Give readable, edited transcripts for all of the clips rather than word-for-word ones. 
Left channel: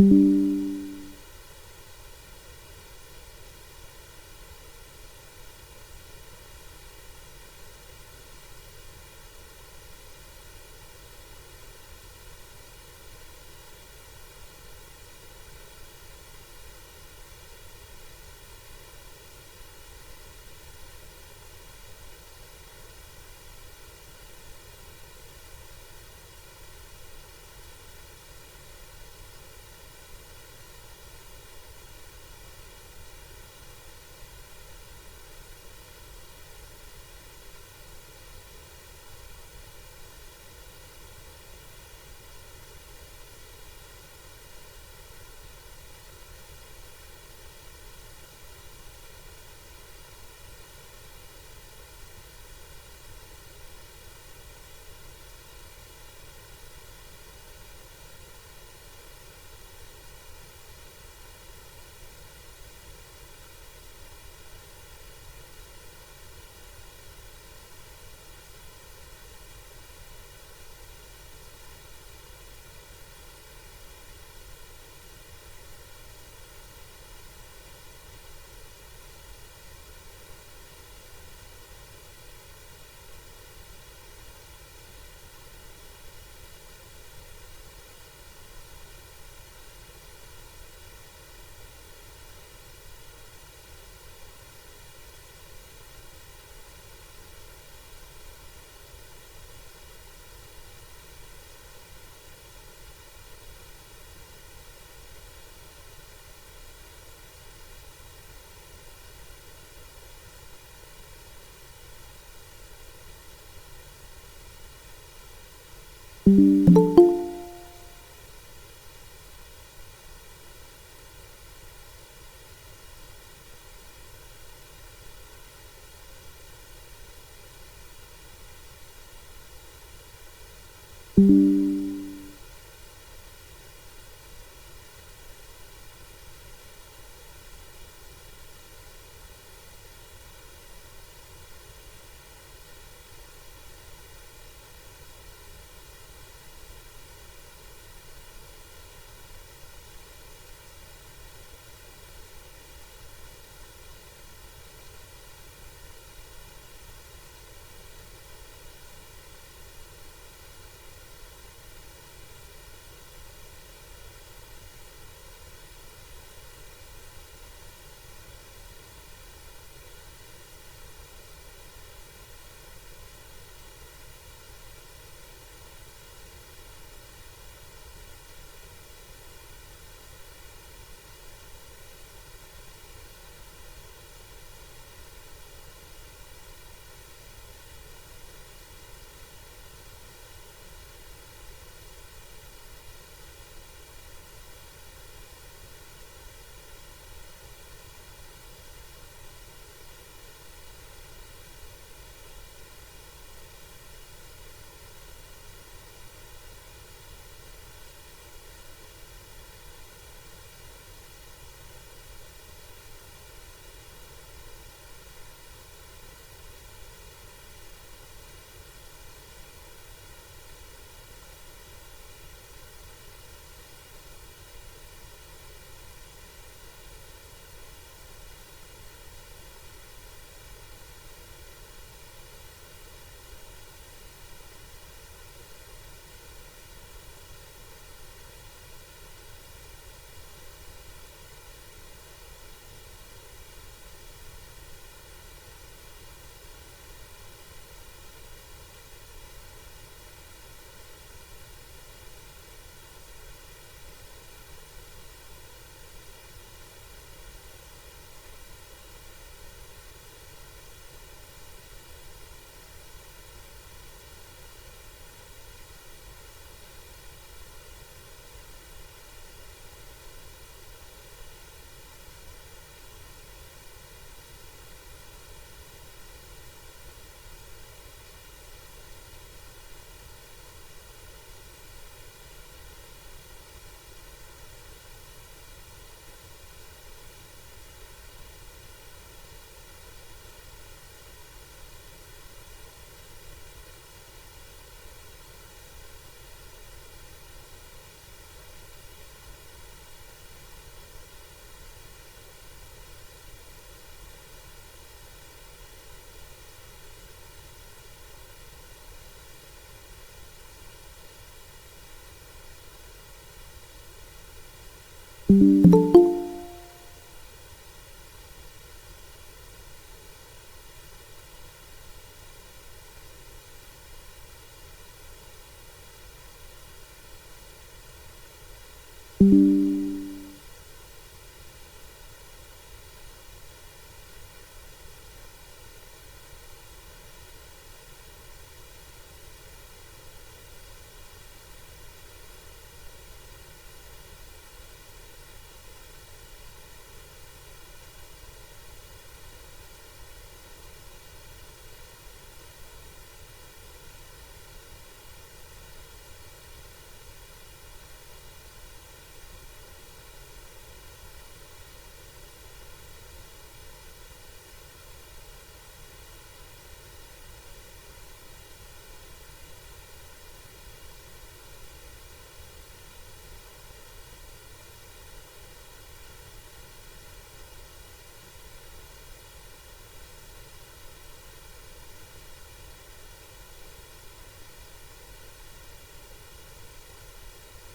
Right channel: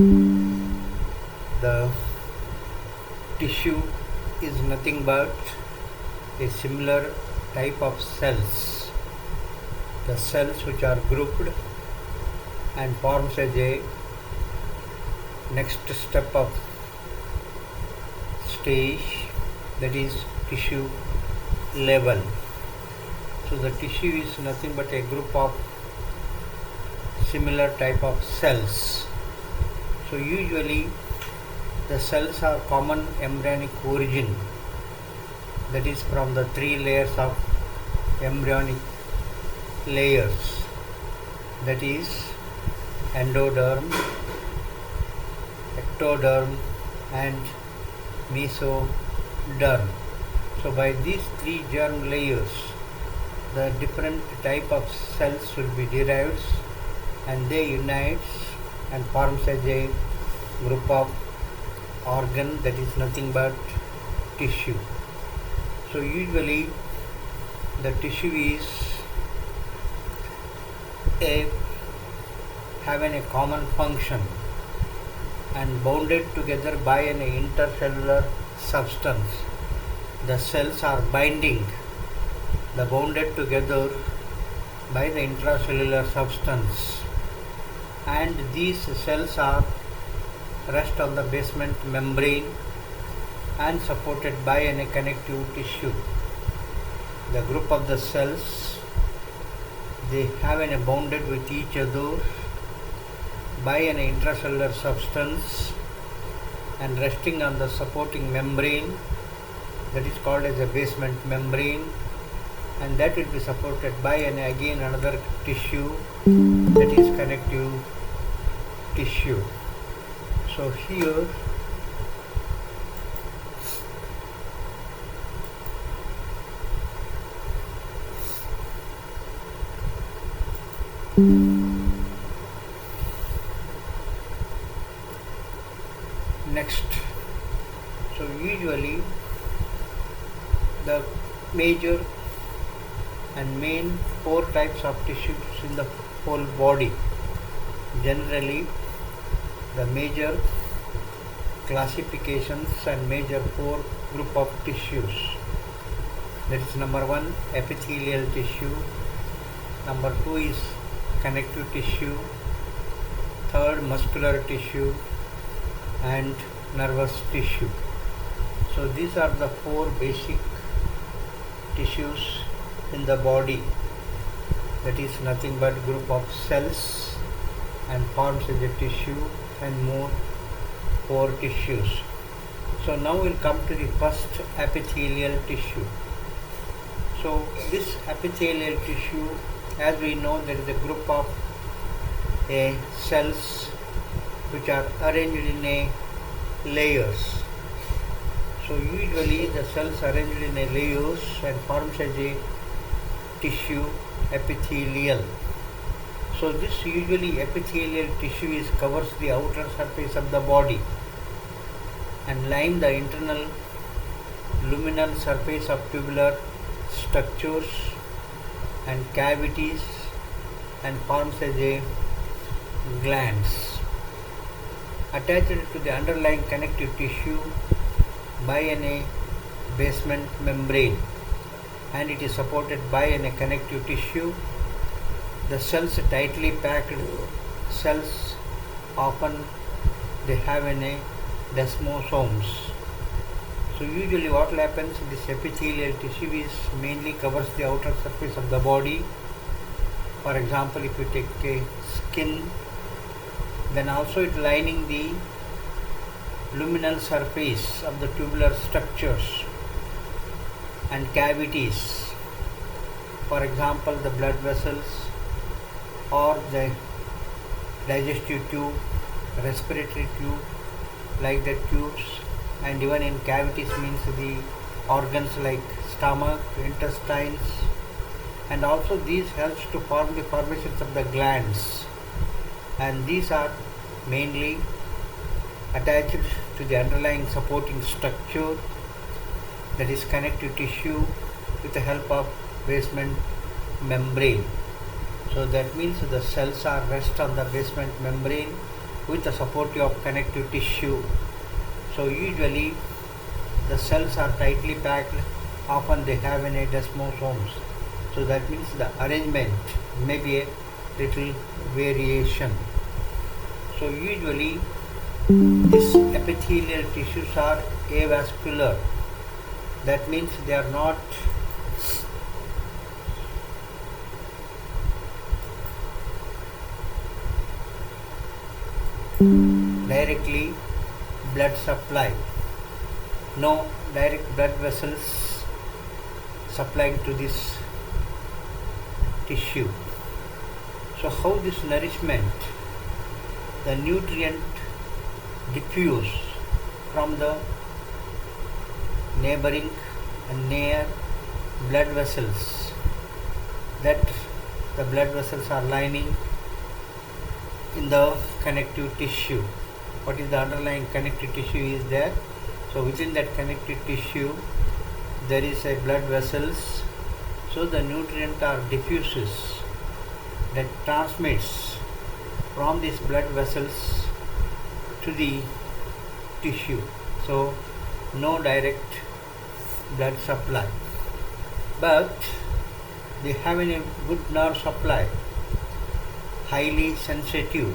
The tissue is nothing but a similar type of cells. The cells which are grouped and forms as a next step of stage, that is tissue level. So the tissue is nothing but a group of similar type of cells. So usually the cells are common embryonic origin, that is from the three layers of embryonic layers, that is endoderm, ectoderm and mesoderm. So by these three germ layers, the different type of cells will be derived and they unite and forms as a group of organ, that is nothing but tissue. So usually the tissue is having a common function and bounded together by an intercellular substance. The cells are binding, the bounded together by the intracellular substance, and these cells are rest on the basement membrane and supported by a connective tissue. The group of the cells, they have a bounded with each other by an intracellular substance and resting on the supporting membrane, that is called as a basement membrane, and that will be supported by again another tissue, that is connective tissue. So here next, so usually the major and main four types of tissues in the whole body. Generally the major classifications and major four group of tissues, that is number one epithelial tissue, number two is connective tissue, third muscular tissue and nervous tissue. So these are the four basic tissues in the body, that is nothing but group of cells and forms as a tissue and more four tissues. So now we'll come to the first epithelial tissue. So this epithelial tissue, as we know, there is a group of cells which are arranged in layers. So usually the cells arranged in layers and forms as a tissue epithelial. So this usually epithelial tissue covers the outer surface of the body and line the internal luminal surface of tubular structures and cavities and forms as a glands attached to the underlying connective tissue by a basement membrane, and it is supported by a connective tissue. The cells tightly packed cells, often they have desmosomes. So usually what happens, this epithelial tissue is mainly covers the outer surface of the body. For example, if you take a skin, then also it lining the luminal surface of the tubular structures and cavities. For example, the blood vessels or the digestive tube, respiratory tube, like the tubes, and even in cavities means the organs like stomach, intestines, and also these helps to form the formations of the glands, and these are mainly attached to the underlying supporting structure, that is connective tissue, with the help of basement membrane. So that means the cells are rest on the basement membrane with the support of connective tissue. So usually the cells are tightly packed, often they have any desmosomes. So that means the arrangement may be a little variation. So usually these epithelial tissues are avascular. That means they are not directly blood supply. No direct blood vessels supplying to this tissue. So how this nourishment, the nutrient diffuse from the neighboring and near blood vessels, that the blood vessels are lining in the connective tissue. What is the underlying connective tissue is there. So within that connective tissue there is a blood vessels. So the nutrient are diffuses that transmits from these blood vessels to the tissue. So no direct blood supply, but they have a good nerve supply, highly sensitive,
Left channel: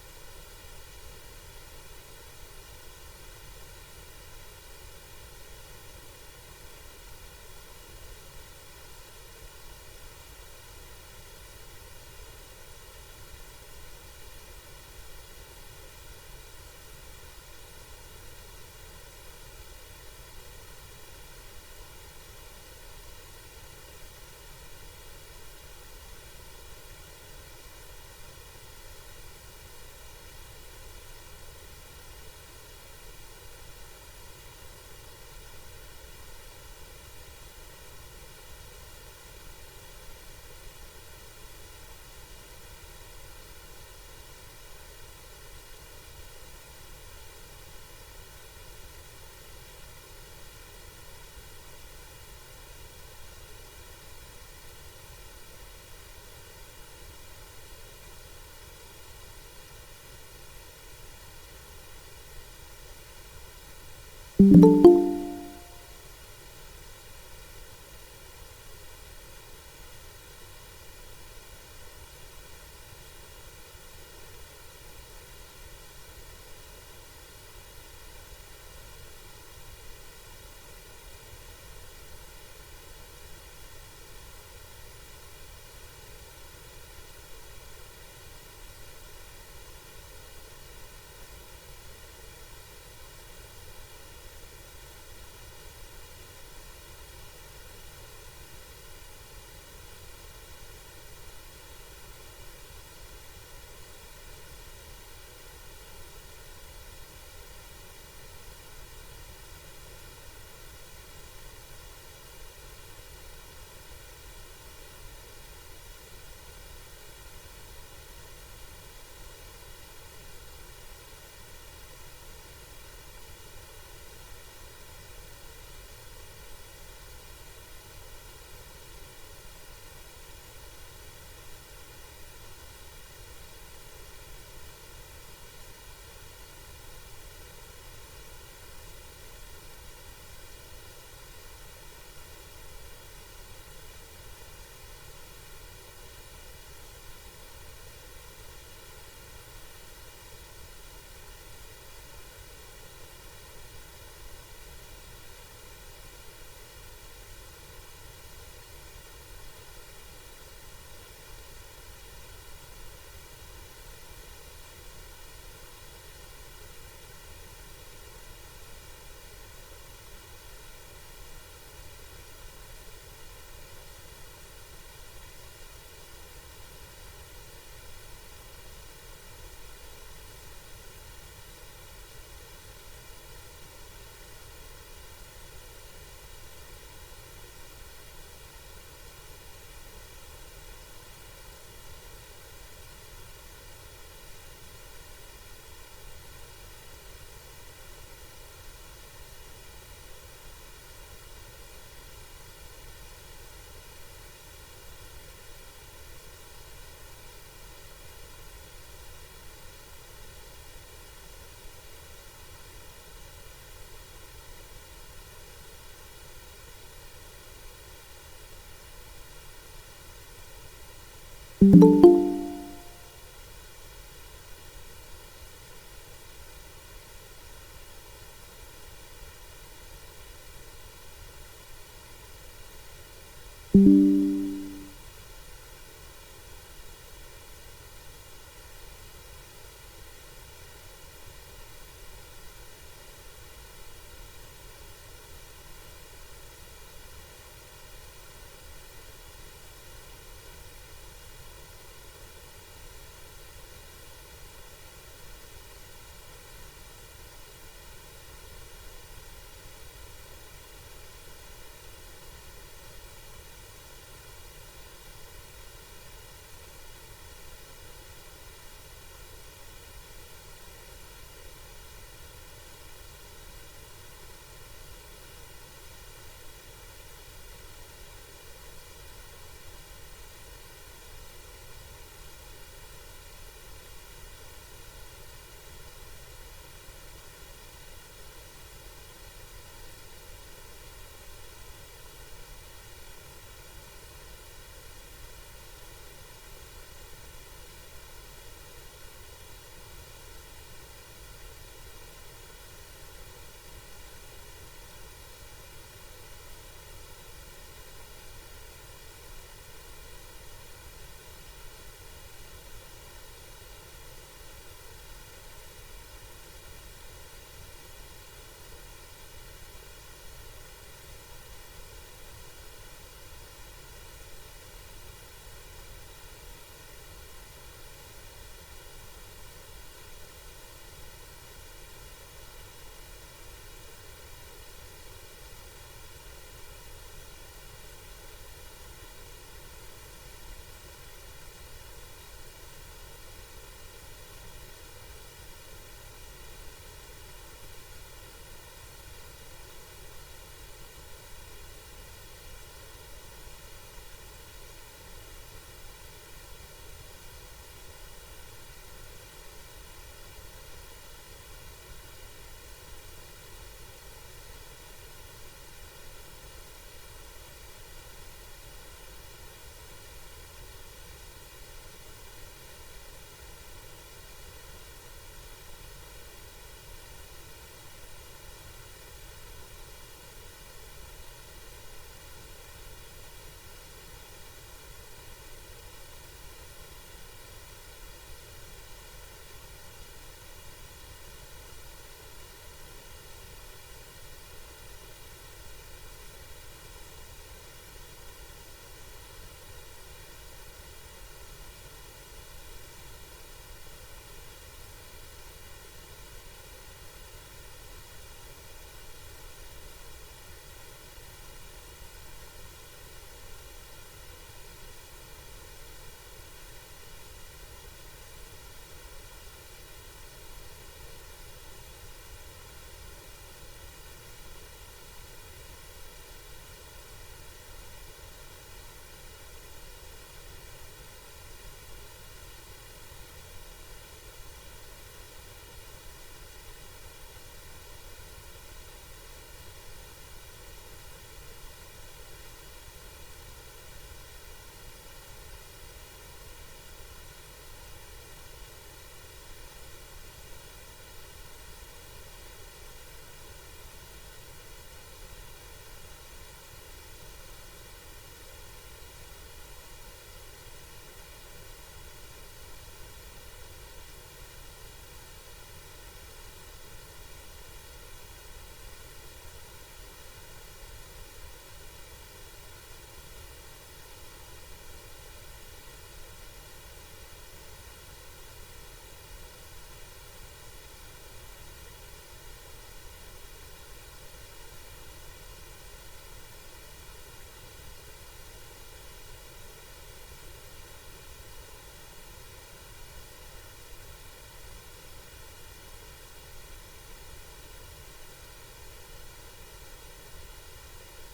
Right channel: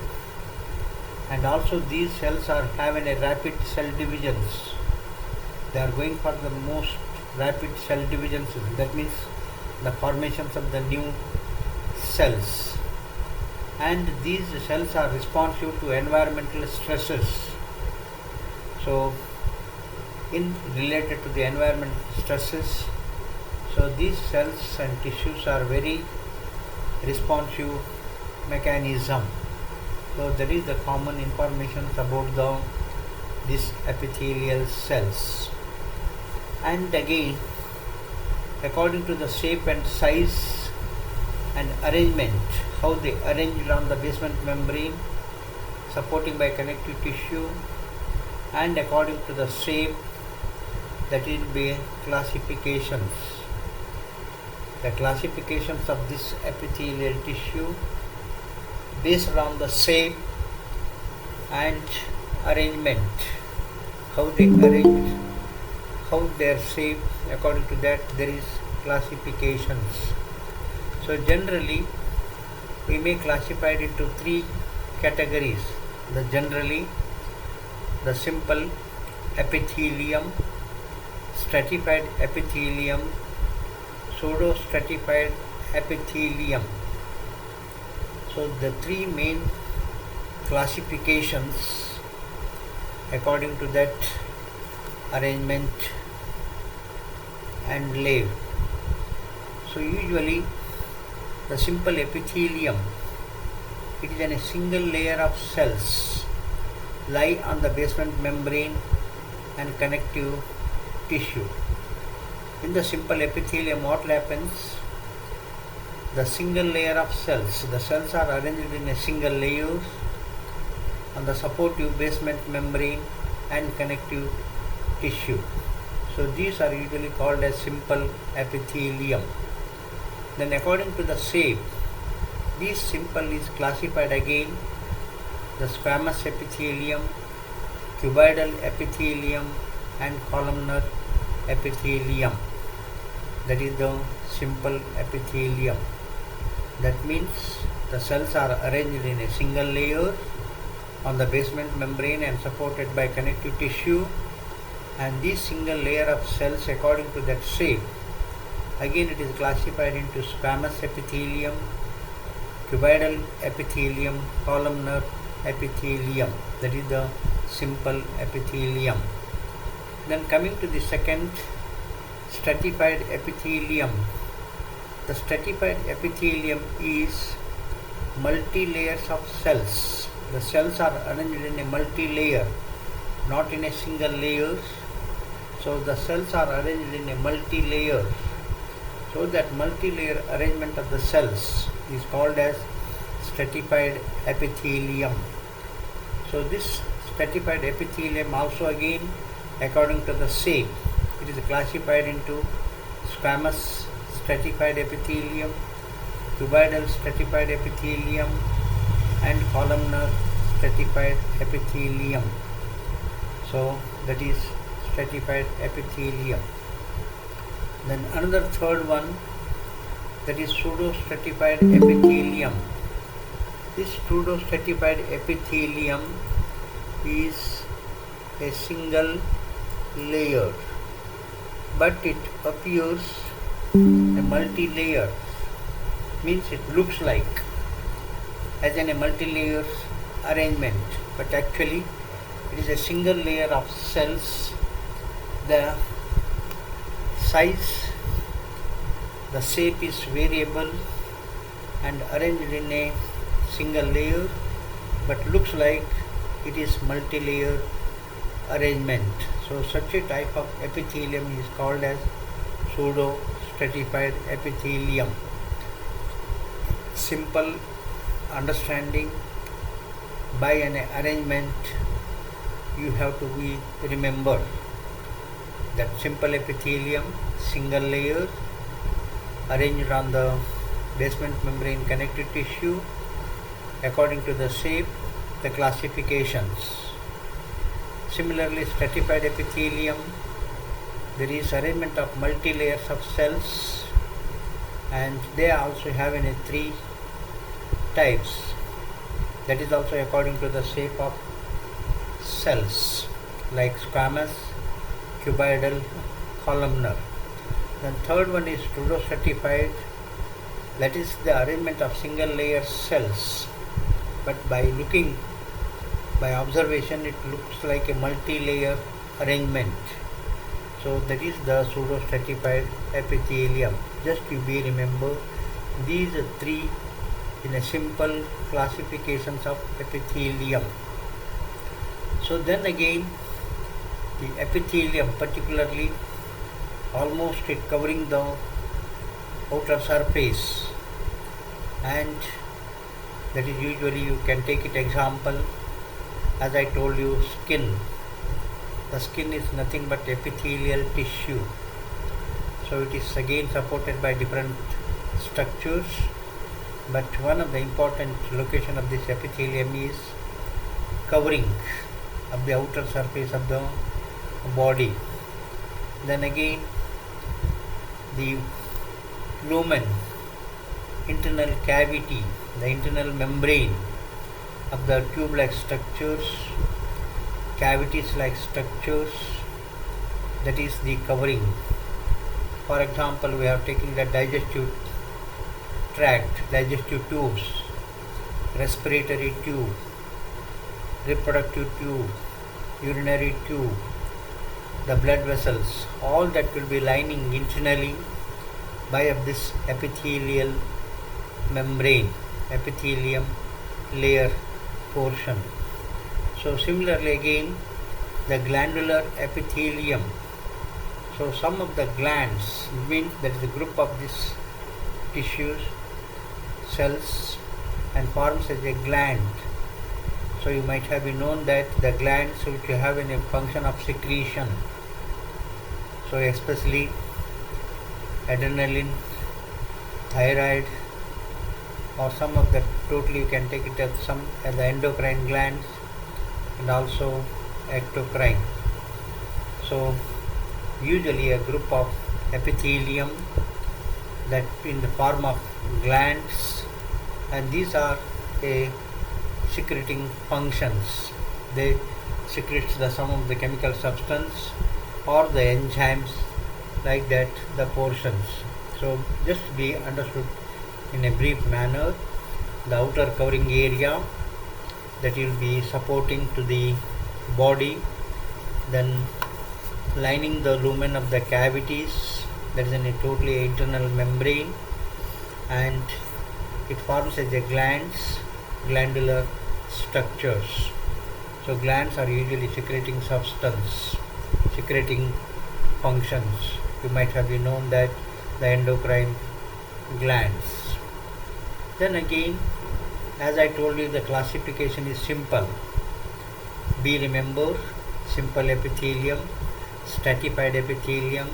and also these cells are having a rapid cell divisions. They are going for the most rapid cell divisions. That means the formations of the new cells, and these cells are responsive to environmental stresses. So in related to the environmental stresses, so these cells and tissues are very responsive mechanism. So that is the common information about these epithelial cells. And again, according to the shape and size and arrangement, how they arranged on the basement membrane, supporting by connective tissue, and according to the shape, that will be classifications. The classifications of this epithelial tissue based on the shape and arrangement, how they arrange, how their shape, according to that there is classifications. So generally we may classify it into three categories. Generally the simple epithelium, stratified epithelium, pseudo-stratified epithelium. So the three main classifications according to that arrangement and layer. So usually the simple epithelium, it is in a single layer of cells lie on the basement membrane and connective tissue. In the simple epithelium, what happens? The single layer of cells, the cells are arranged in a single layer on the supportive basement membrane and connective tissue. So these are usually called as simple epithelium. Then according to the shape, this simple is classified again: the squamous epithelium, cuboidal epithelium, and columnar epithelium. That is the simple epithelium. That means the cells are arranged in a single layer on the basement membrane and supported by connective tissue, and this single layer of cells, according to that shape, again it is classified into squamous epithelium, cuboidal epithelium, columnar epithelium. That is the simple epithelium. Then coming to the second, stratified epithelium. The stratified epithelium is multi-layers of cells. The cells are arranged in a multi-layer, not in a single layer. So the cells are arranged in a multi-layer. So that multi-layer arrangement of the cells is called as stratified epithelium. So this stratified epithelium also again, according to the shape, it is classified into squamous stratified epithelium, cuboidal stratified epithelium, and columnar stratified epithelium. So that is stratified epithelium. Then another third one, that is pseudostratified epithelium. This pseudostratified epithelium is a single layer, but it appears a multi-layer, means it looks like as in a multi-layer arrangement, but actually it is a single layer of cells. The size, the shape is variable and arranged in a single layer, but looks like it is multi-layer arrangement. So such a type of epithelium is called as pseudo-stratified epithelium. Simple understanding by an arrangement, you have to be remembered that simple epithelium, single layer, arranged on the basement membrane connective tissue according to the shape, the classifications. Similarly, stratified epithelium, there is arrangement of multi-layers of cells, and they also have in three types. That is also according to the shape of cells, like squamous, cuboidal, columnar. Then third one is pseudostratified, that is the arrangement of single layer cells, but by observation it looks like a multi-layer arrangement. So that is the pseudostratified epithelium. Just you be remember these three in a simple classifications of epithelium. So then again, the epithelium particularly, almost it covering the outer surface, and that is usually you can take it example, as I told you, skin. The skin is nothing but epithelial tissue. So it is again supported by different structures, but one of the important location of this epithelium is covering of the outer surface of the body. Then again, the lumen, internal cavity, the internal membrane of the tube-like structures, cavities-like structures, that is the covering. For example, we are taking the digestive tract, digestive tubes, respiratory tube, reproductive tube, urinary tube, the blood vessels, all that will be lining internally by this epithelial membrane, epithelium layer portion. So similarly again, the glandular epithelium. So some of the glands, means there is a group of these tissues, cells, and forms as a gland. So you might have known that the glands which have a function of secretion. So especially adrenaline, thyroid, or some of the totally you can take it as some as the endocrine glands and also ectocrine. So usually a group of epithelium that in the form of glands, and these are a secreting functions. They secrete some of the chemical substance or the enzymes, like that the portions. So just be understood in a brief manner, the outer covering area that will be supporting to the body, then lining the lumen of the cavities, that is in a totally internal membrane, and it forms as a glands, glandular structures. So glands are usually secreting substance, secreting functions. You might have known that the endocrine glands. Then again, as I told you, the classification is simple. Be remember, simple epithelium, stratified epithelium,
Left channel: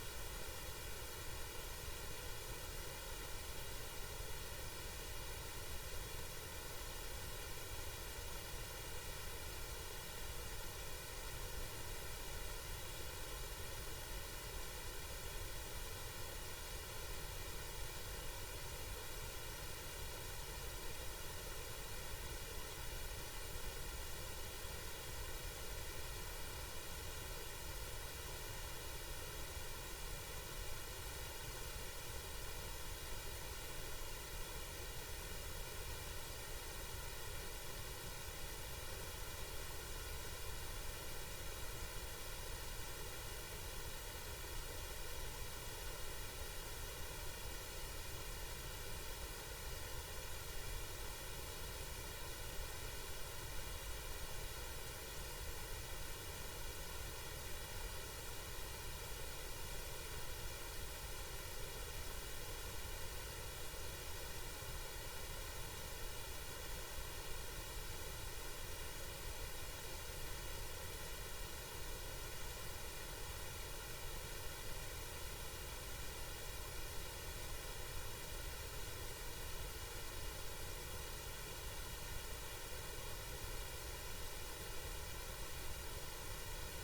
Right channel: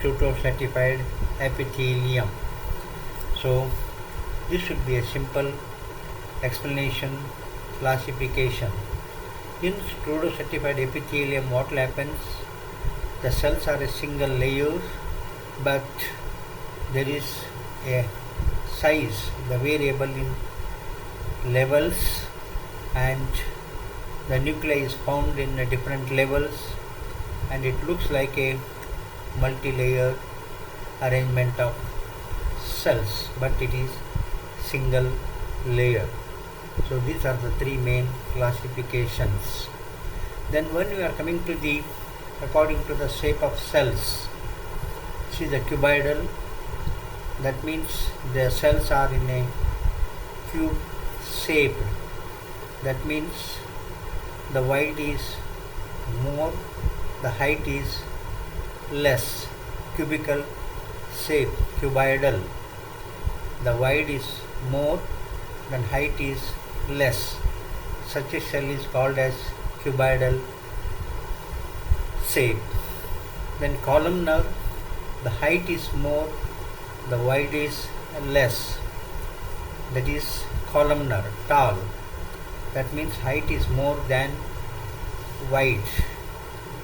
pseudostratified epithelium. So this should be a simple explanation, classification. In pseudo-stratified epithelium, what happens? The cells are a single layer, but there is a size, the variable in levels, and the nuclei is found in different levels, and it looks like a multi-layer arrangement of cells, but it is single layer. So these are the three main classifications. Then when we are coming to the according to the shape of cells, see the cuboidal, that means the cells are in a cube shape. That means the width is more, the height is less. Cubical shape, cuboidal, the width is more than height is less. Such a cell is called as cuboidal shape. Then columnar, the height is more, the width is less. That is columnar, tall. That means height is more than width.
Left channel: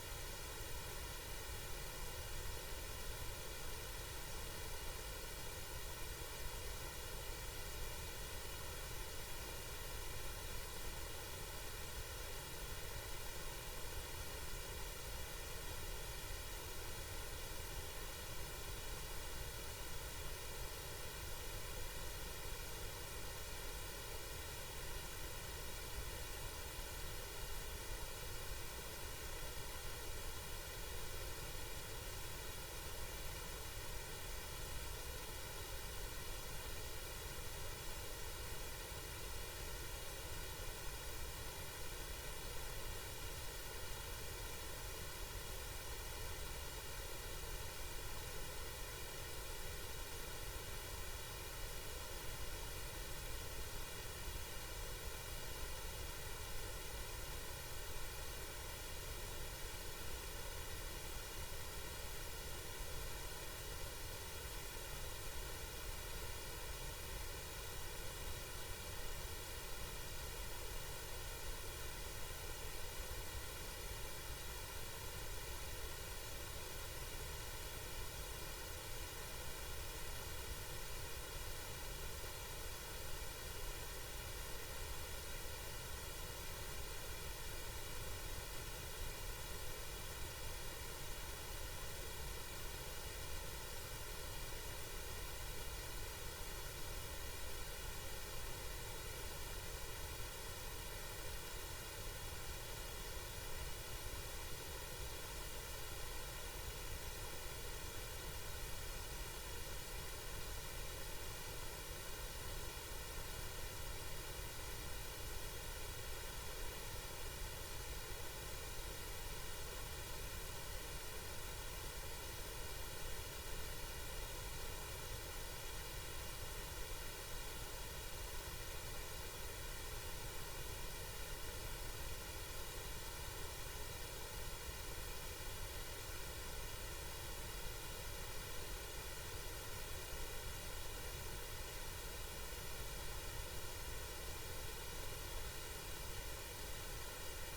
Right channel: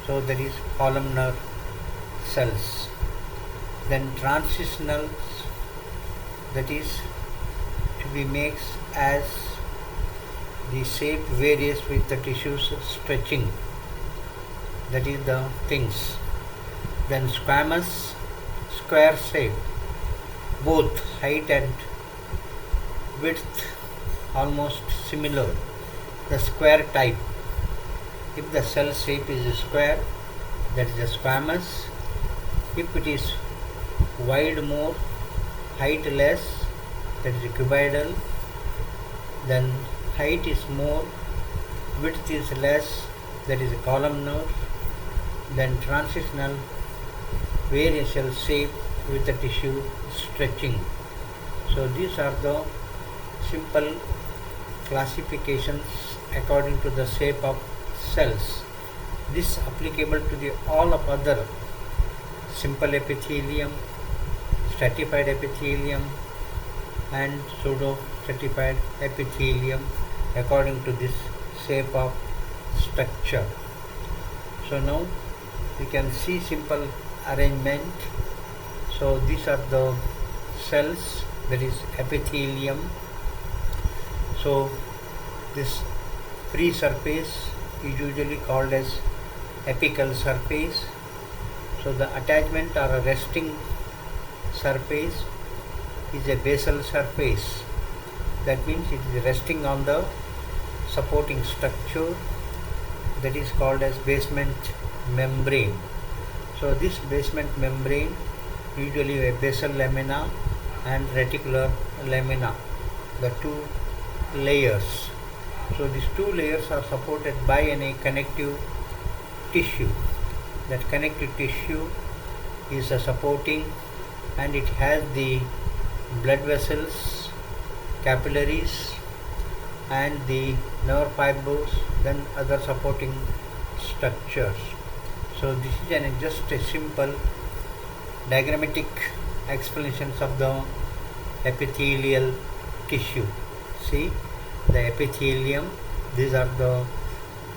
So that is columnar cells. Then transitional, that is to be makes as the shape varies with the tissues stretching. That is the things. Then squamous, square shape, both height and width almost similar. The square type. If the cell shape is square, that is a squamous. If it is wide more, height less, that is a cuboidal. Then height is more, width is less, that is a columnar. Then transitional, variable shape with the tissue stretching. So these are the simple classifications according to the shape of cells. This applicable to the all of other simple epithelium, stratified epithelium, and pseudo stratified epithelium according to this shape of structure. So now we can see simple arrangement. So these are the cells, that is epithelium. So this free surface is usually called as apical surface. So the attachment or a resting surface is a basal surface. That means it is resting on the supporting structure, that is called as basement membrane. So this basement membrane usually a basal lamina and reticular lamina, the two layers. So these two layers are supported by a connective tissue. That connective tissue is a supporting, and it has the blood vessels, capillaries, and the nerve fibers, then other supporting structures. So this is just a simple diagrammatic explanations of the epithelial tissue. See the epithelium, these are the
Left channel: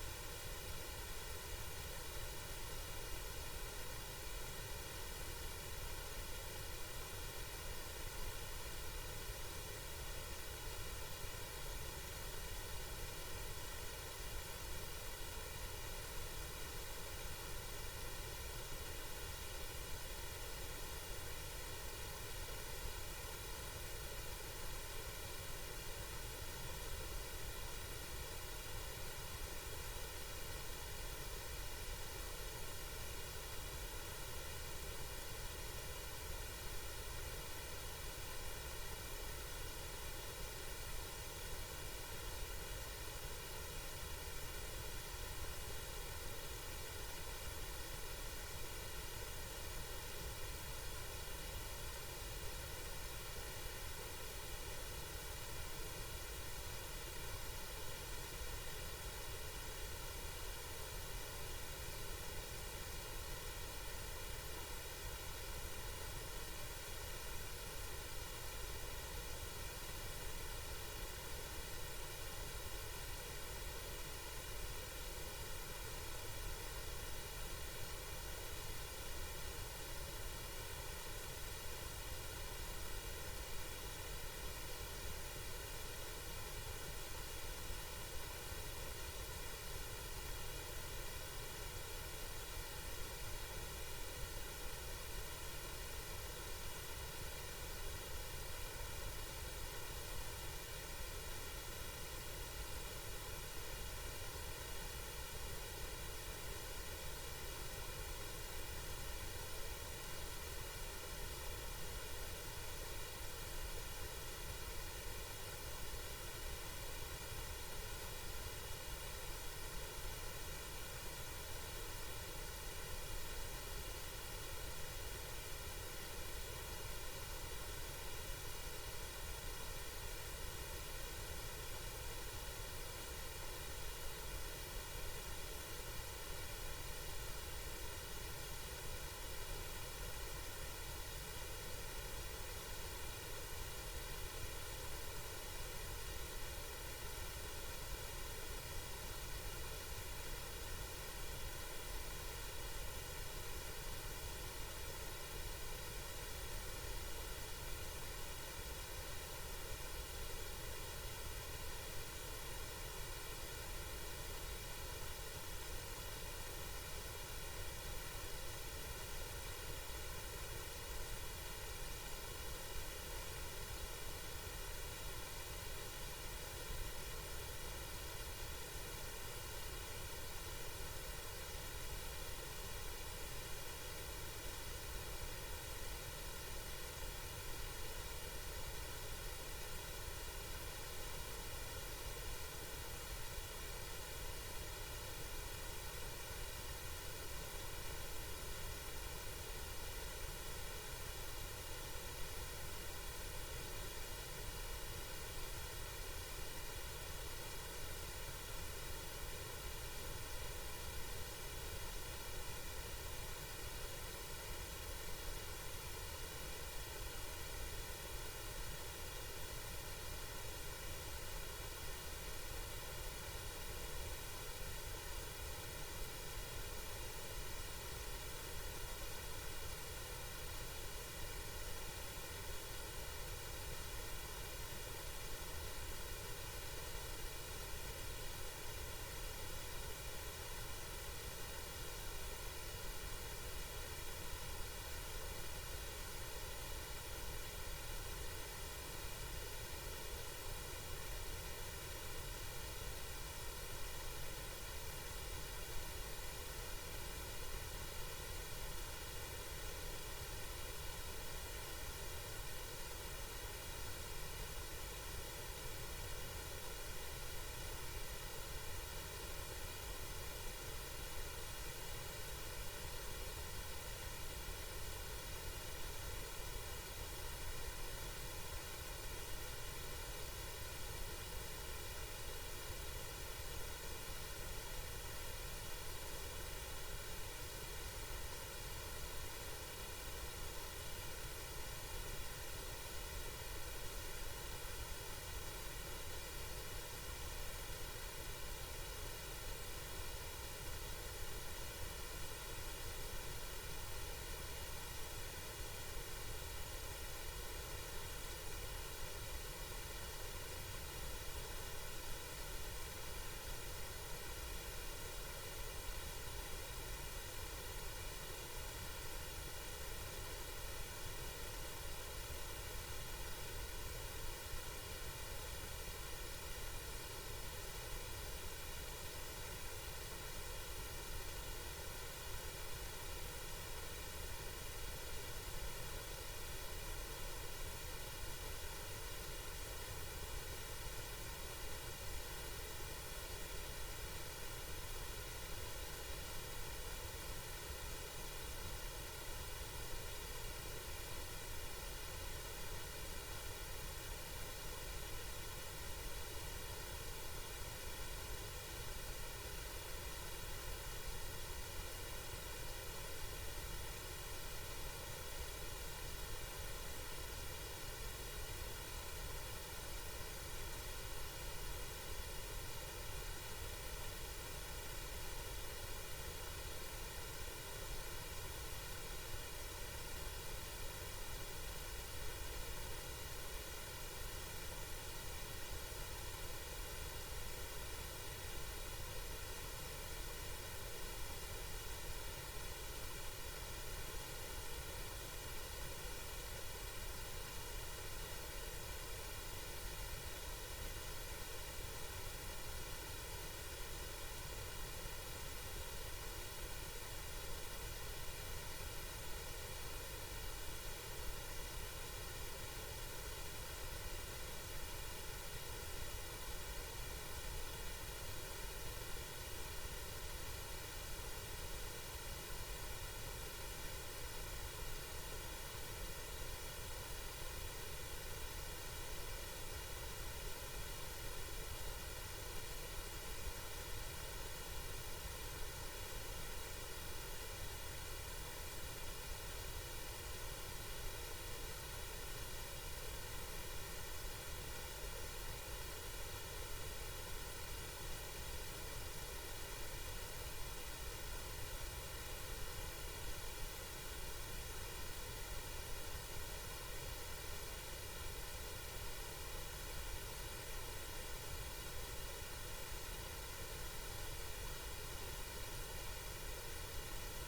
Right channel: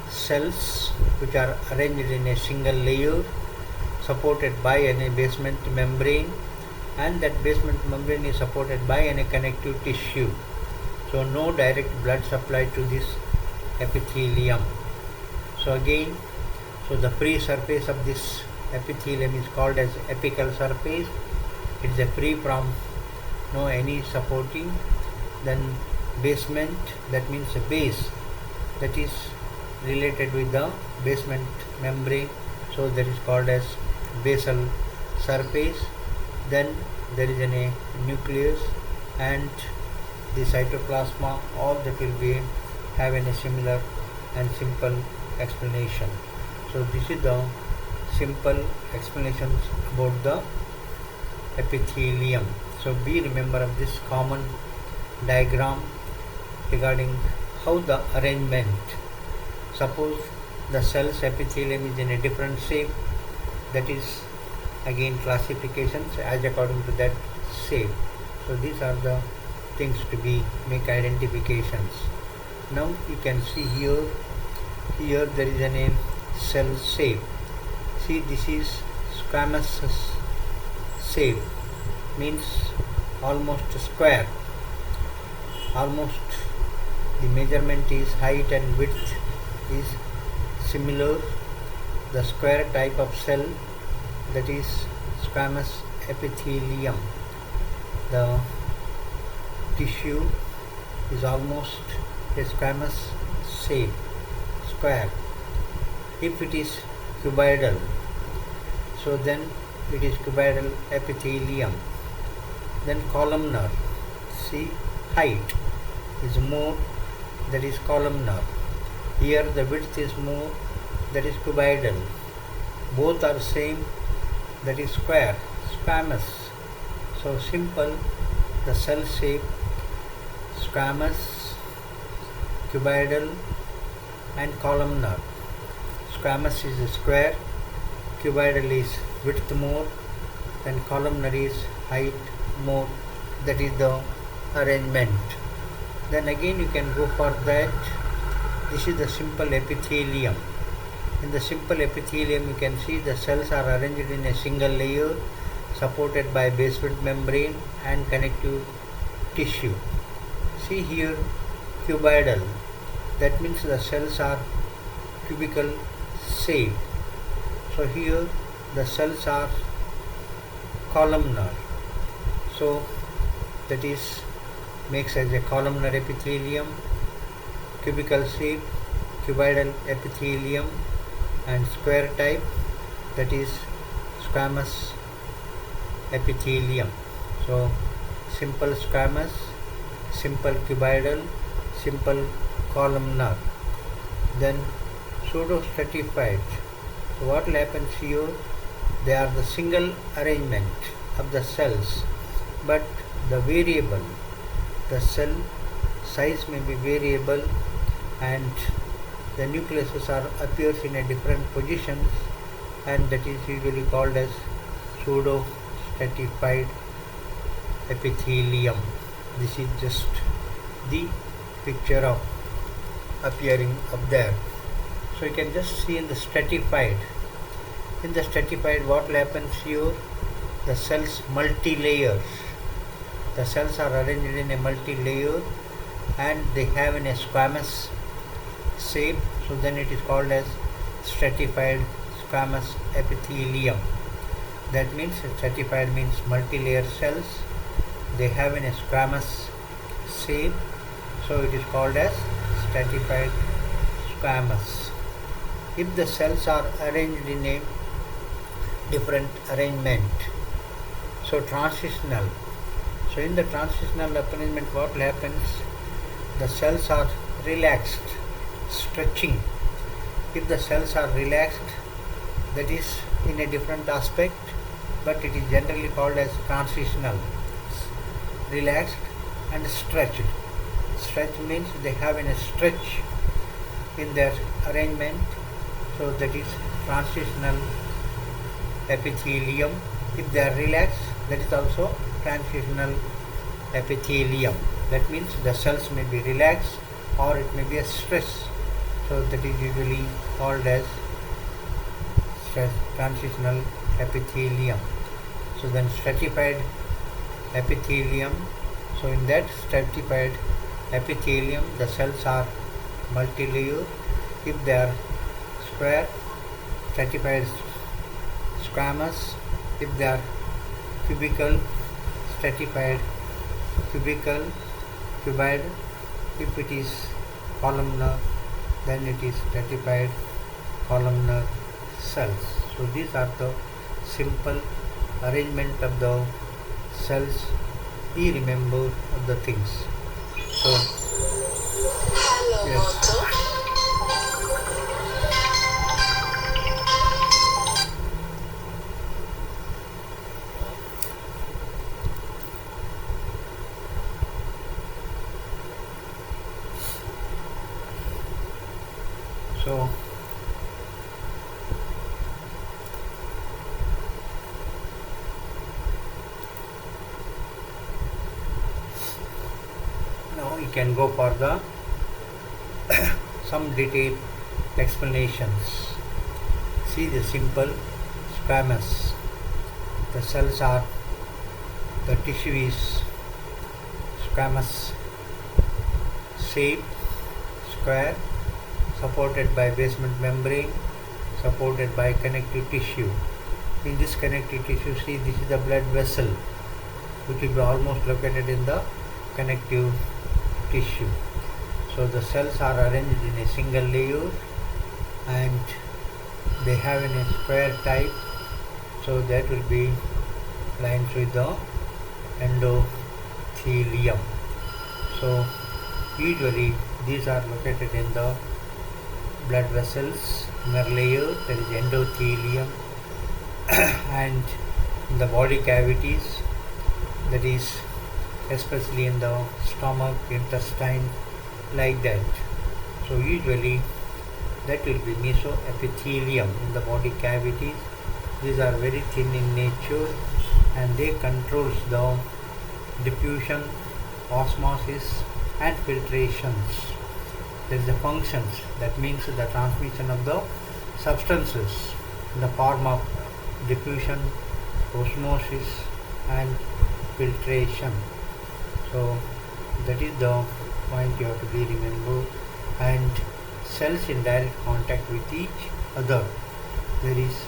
cells which are arranged in a single layer supported by a basement membrane, and that basement membrane is supported by a connective tissue. So no direct blood supply to this epithelium. So again, so the free surface of this epithelium is called as apical surface. It is a free from no any supporting. Then basement, that means a base, that is related with the basement membrane, so that is called as basal surface. Then there is a nucleus and the cytoplasma, all that will be have a similar and simple explanation. So this is the simple explanations about the epithelium. So be remember of this common diagram regarding how the arrangement. Suppose the cell's epithelium is in a different shape, that is again classifications as according to that shape. So these are the things to be make identifications. Now you can see here there is a name cell shape. See, this is squamous shape, means almost square. Almost the measurement is height and width is similar. The square type of cell, that is squamous epithelium. The tissue is almost a squamous shape, square. If it is cuboidal, so then it is cuboidal epithelium. Then columnar, see, height is more, that is columnar. Here the width is more, that is cuboidal. Both are same, that is square, squamous. So simple, the cell shape squamous, cuboidal and columnar. Squamous is square, cuboidal is width more, and columnar is height more. That is the arrangement. Then again you can go for that. This is the simple epithelium. In the simple epithelium you can see the cells are arranged in a single layer supported by basement membrane and connective tissue. See here, cuboidal, that means the cells are cubical shape. So here the cells are columnar, so that is makes as a columnar epithelium, cubical shape, cuboidal epithelium, and square type, that is squamous epithelium. So simple squamous, simple cuboidal, simple columnar. Then pseudo stratified. So what will happen here? They are the single arrangement of the cells, but the variable, the cell size may be variable, and the nucleuses are appears in a different positions, and that is usually called as pseudo stratified epithelium. This is just the picture of appearing up there. So you can just see in the stratified. In the stratified, what will happen here? The cells multi-layers. The cells are arranged in a multi-layer and they have in a squamous shape. So then it is called as stratified squamous epithelium. That means stratified means multi-layer cells. They have in a squamous shape. So it is called as stratified squamous. If the cells are arranged in a different arrangement, so transitional. So in the transitional arrangement, what happens? The cells are relaxed, stretching. If the cells are relaxed, that is in a different aspect, but it is generally called as transitional. Relaxed and stretched. Stretch means they have in a stretch in their arrangement, so that is transitional epithelium. If they are relaxed, that is also transitional epithelium. That means the cells may be relaxed or it may be a stress, so that is usually called as transitional epithelium. So then stratified epithelium. So in that stratified epithelium, the cells are multi-layer. If they are square, stratified squamous. If they are cubical, stratified cubical, cuboid. If it is columnar, then it is stratified columnar cells. So these are the simple arrangement of the cells. He remember of the things. So hello, yes. Moto. So now you can go for the some detailed explanations. See the simple squamous. The cells are, the tissue is squamous shape, square, supported by basement membrane, supported by connective tissue. In this connective tissue, see, this is the blood vessel, which will be almost located in the connective tissue. So the cells are arranged in a single layer and they have in a square type, so that will be lines with the endothelium. So usually these are located in the blood vessels, inner layer, there is endothelium, and in the body cavities, that is especially in the stomach, intestine, like that. So usually that will be mesoepithelium in the body cavities. These are very thin in nature and they controls the diffusion, osmosis and filtrations. There is a functions, that means the transmission of the substances in the form of diffusion, osmosis and filtration. So that is the point you have to be remembered. And cells in direct contact with each other, there is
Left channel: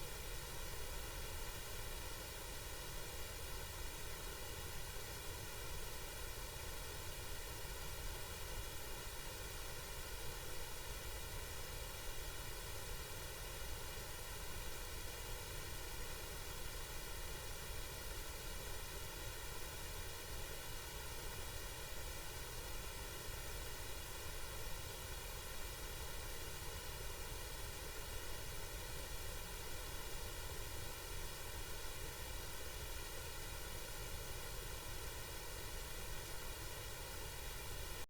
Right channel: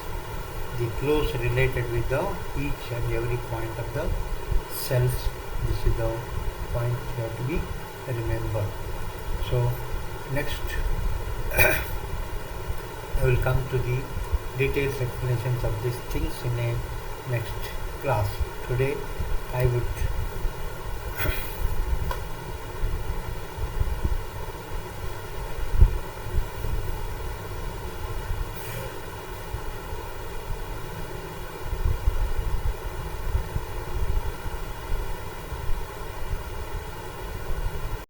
the close related with the each and every point of the cells. This is the point you have to be remembered. So next I will come to the detailed explanations of these things in a next class. Today I would